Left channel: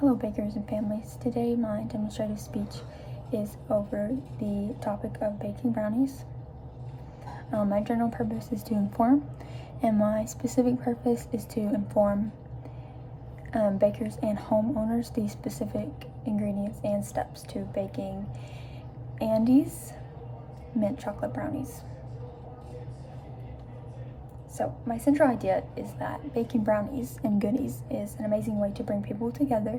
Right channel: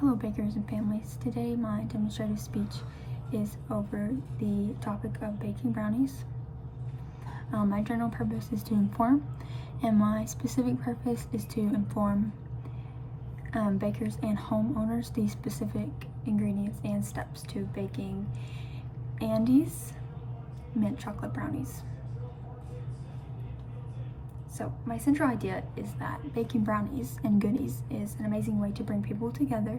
Hello bakers and families. Today my demonstrative speech is over the topic of baking brownies. My general purpose is to inform, and my specific purpose is to inform bakers and homeowners the specific ingredients and steps to baking Andes mint chocolate brownies. So my central idea is that baking brownies and goodies is an amazing way to bring people together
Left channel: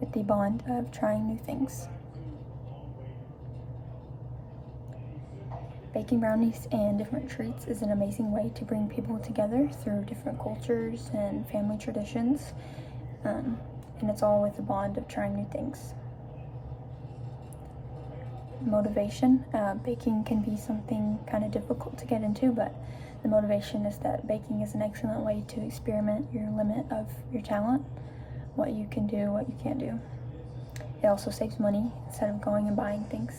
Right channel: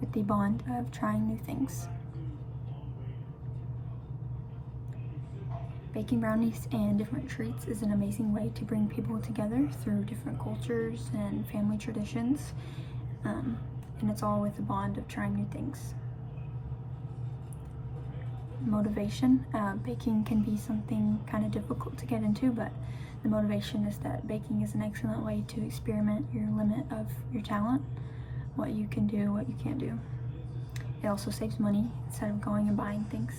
with the bond of trying new things. Baking brownies and different treats is an amazing way to bring people together through different cultures and family traditions, and it's all with the bond of trying new things. Motivation. Baking can be something kind of difficult to get into, but the motivation is that baking is an excellent way to experiment your limit of your talent, what you can do, what you can't do. It also saves money instead of going and buying things.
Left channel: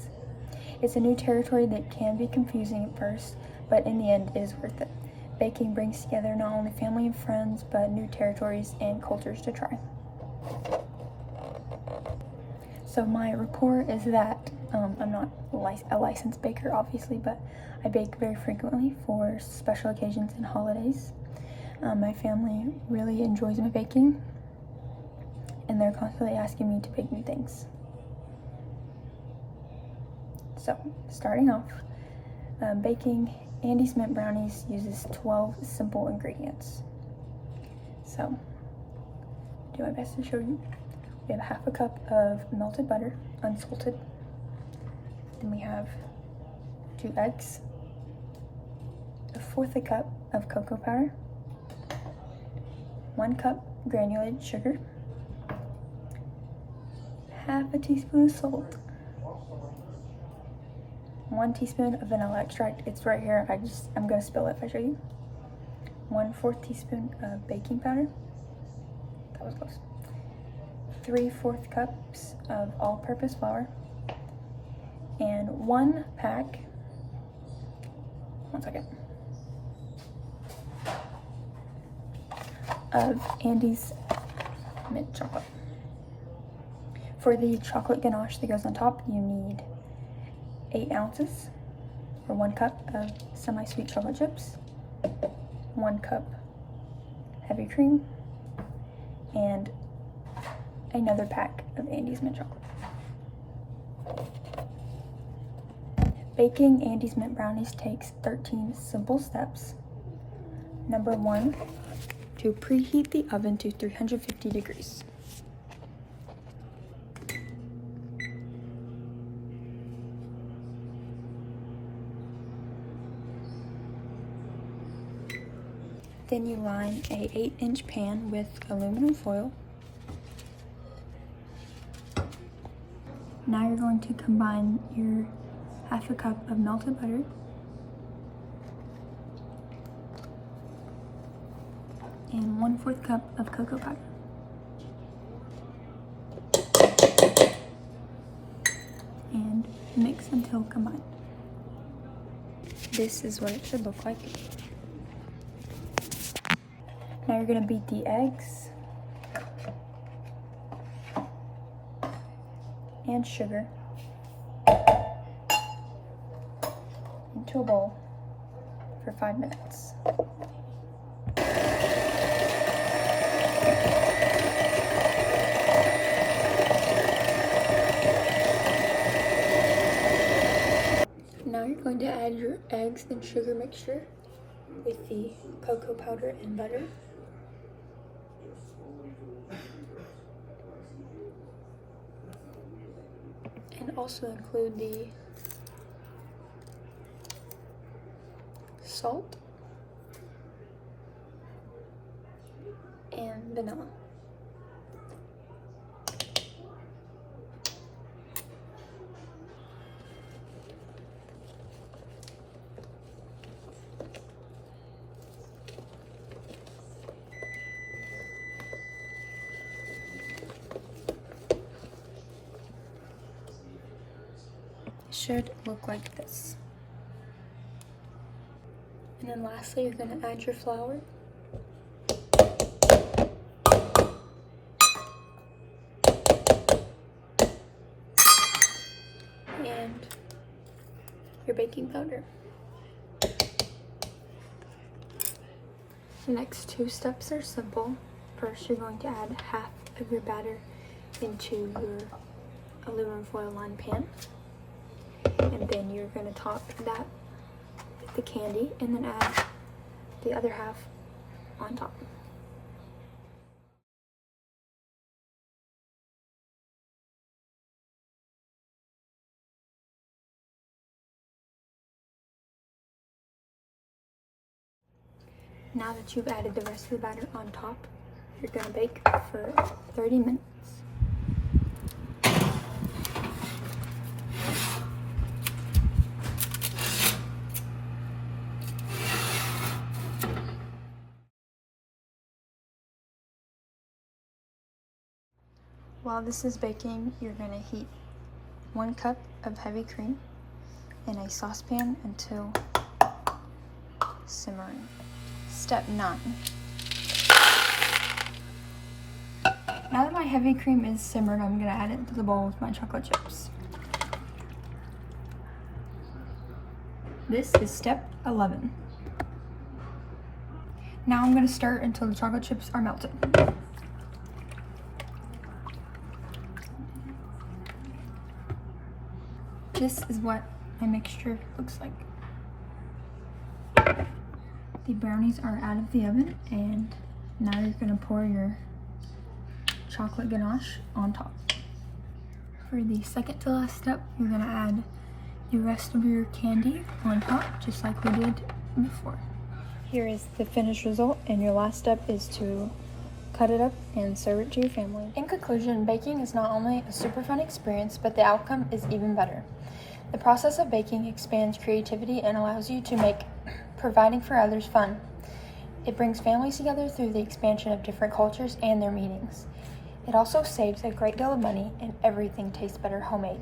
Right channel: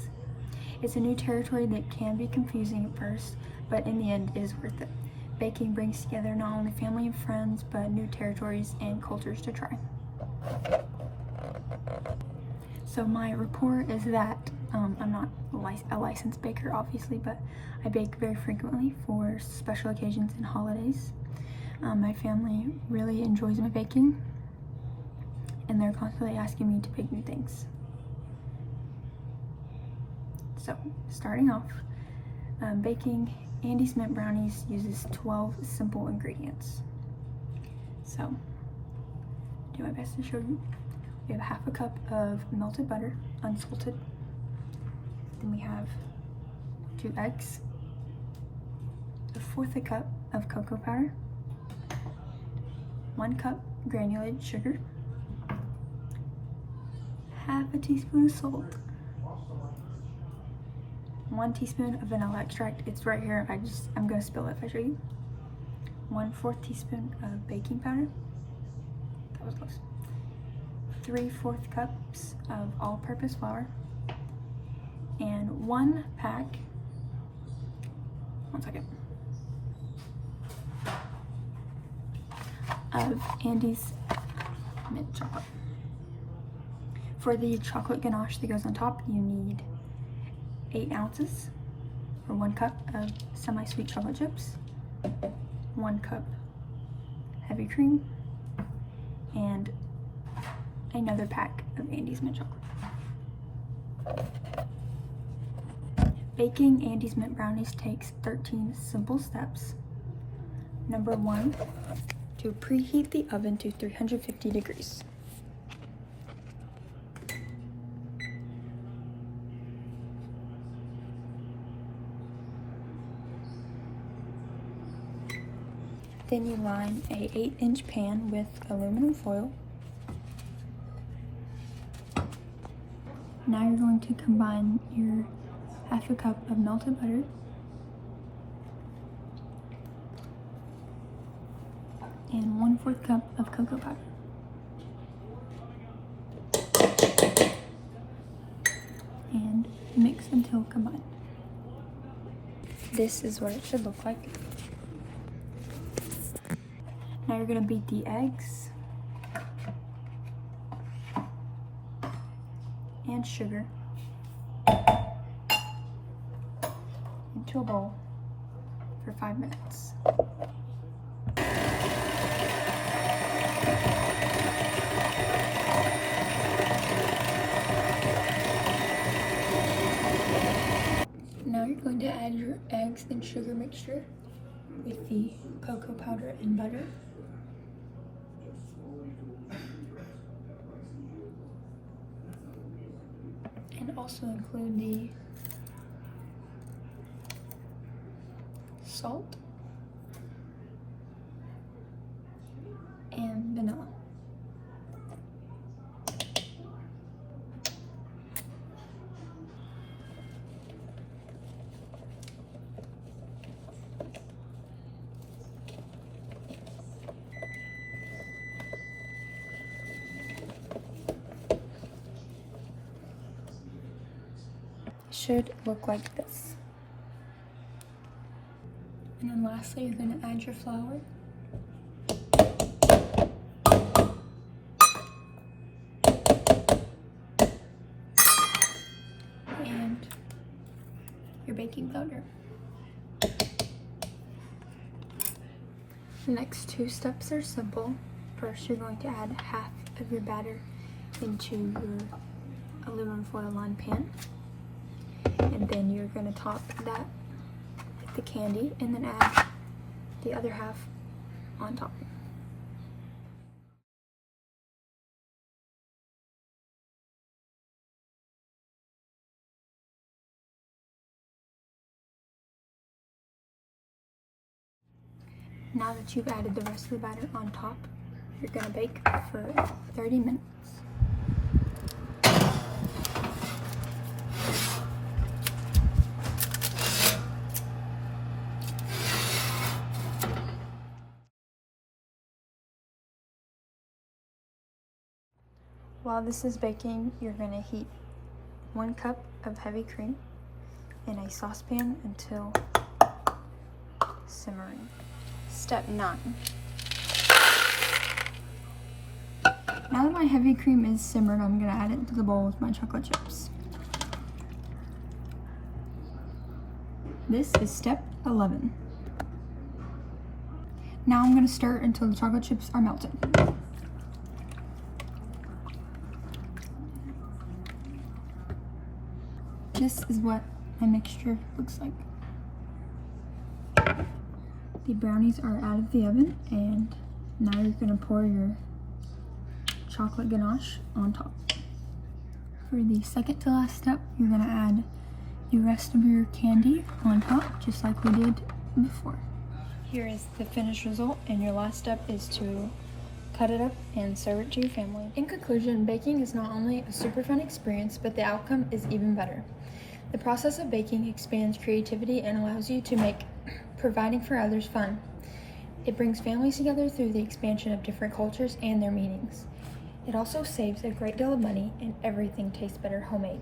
It's a new territory that can be confusing at first, but in the end it is worth it. Baking brings together not only family and friends, but new territories and cultures to try. So my report is that I'm not a licensed baker, obviously, but I bake very frequently for special occasions and holidays. My family really enjoys my baking, and they're constantly asking me to bake new things. So, starting off, baking Andes mint brownies uses 12 simple ingredients. So, I'll do my best to show you. We have half a cup of melted butter, unsalted. Then we have 2 eggs, 1/4 cup of cocoa powder, 1 cup granulated sugar, half a teaspoon of salt, 1 teaspoon of vanilla extract. It's right here. I'm gonna spill it if I show you. 1/4 teaspoon of baking powder. That was close. 3/4 cups of all-purpose flour, and 1 pack, of Andes mint chocolate. For the chocolate ganache that goes on top, you need 8 ounces, or 1 cup of semi-sweet chocolate chips, 1 cup heavy cream, and another pack of Andes mint chocolate. Baking Andes mint brownies takes 13 simple steps. Number 1, to preheat the oven to 350 degrees. Then you line a 8-inch pan with aluminum foil. Now you're going to combine your half a cup of melted butter, and 1/4 cup of cocoa powder. And mix until combined. This is what it should look like. Now you're gonna beat the eggs and sugar into a bowl for 5 minutes. Now you're going to add your eggs and sugar mixture with the cocoa powder and butter. And also include the salt and vanilla. Should look like this. And then lastly, you're going to add your flour your baking powder. The next 2 steps are simple. First, you're going to add half of your batter into your aluminum foil lined pan. And then you're going to top that with the candy and then add the other half on top. Now that you've added the rest of the batter on top, you're going to bake for 30 minutes. While this is baking, you're going to heat 1 cup of heavy cream in a saucepan until simmering. Step 9. Now that my heavy cream is simmered, I'm going to add it into the bowl with my chocolate chips. This is step 11. Now I'm going to stir until the chocolate chips are melted. This is what my mixture looks like. The brownies are out of the oven, and now you're going to pour your chocolate ganache on top. For the second to last step, you're going to add the rest of your candy on top, just like we did before. Here is the finished result, and your last step is to cut it up and serve it to your family. In conclusion, baking is not only a super fun experience, but the outcome is even better. The process of baking expands creativity and allows you to make providing for others fun. It brings families together through the expansion of different cultures and their meanings. It also saves a great deal of money, and everything tastes better homemade.